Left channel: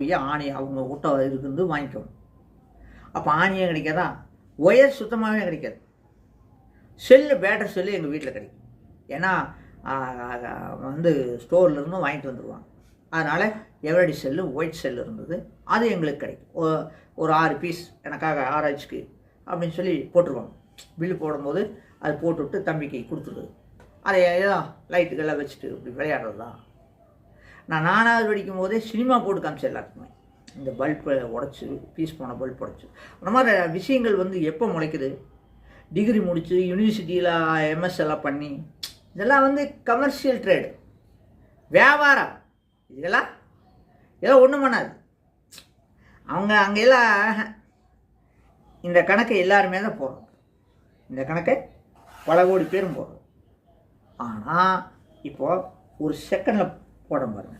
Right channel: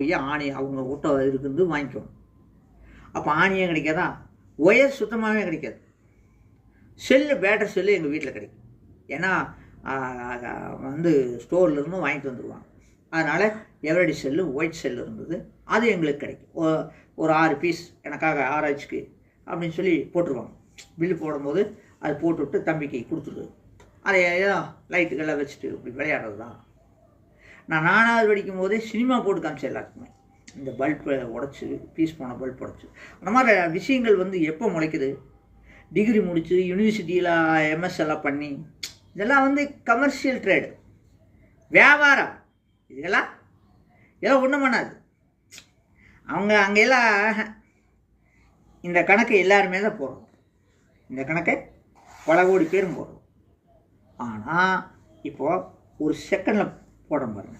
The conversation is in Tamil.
போய் ஆணி அவங்க ஊட்ட இருக்குது வாங்கிக்கணும். அப்போ ஆணியே கிடைக்காதா, ஒயர் சுத்தமாகவே கிடைக்காது. செல்லு பேட்டரி செல்லு எங்கள் வீட்டில் கிடைக்கும். ஏன்னா வந்து ஸ்டோர்லேருந்து வாங்கிட்டு வந்துடுவாங்க. அதனால் எவரடி செல்லு ஒயிட் செல்லு இருந்தது, அது எங்களுக்கு கிடைக்கும். ஒரு 6 பீஸ் எனக்காக ஆராய்ச்சிக்கு அப்படின்னு சொல்லி போட்டுருவாங்க. பில்லு போடும்போது அது போட்டுவிட்டு தம்பிக்கு கொடுத்துருது. அதை ஏதோ லைட்டுக்கெல்லாம் வச்சுட்டு இப்படி விளையாடுறது தான். நான் 4வது படிக்கும் போதே சினிமா போட்டு காமிச்சேன் எல்லாருக்குமே. இந்த பல்பை உடச்சி பீஸ் போன பல்ப் உடச்சி அந்த மாதிரி விஷயங்கள் வந்து எப்போ முளைக்குது, டிகிரி முடித்து யூனிவர்சிட்டியில் எம்எஸ் எல்லாம் பண்ணி, இதெல்லாம் வந்து கமர்ஷியல் ட்ரேடு, வியாபாரம். இதெல்லாம் ஏதோ ஒன்றும் பண்ணாது. அவங்க அங்கெல்லாம் இந்த கணக்கை எல்லாருமே தான் போடுறோம். இந்த கணக்கை பல கோடி பேரும் போடுறோம். ஆனால் இப்போது ஒரு செகண்டில் போட பாருங்க.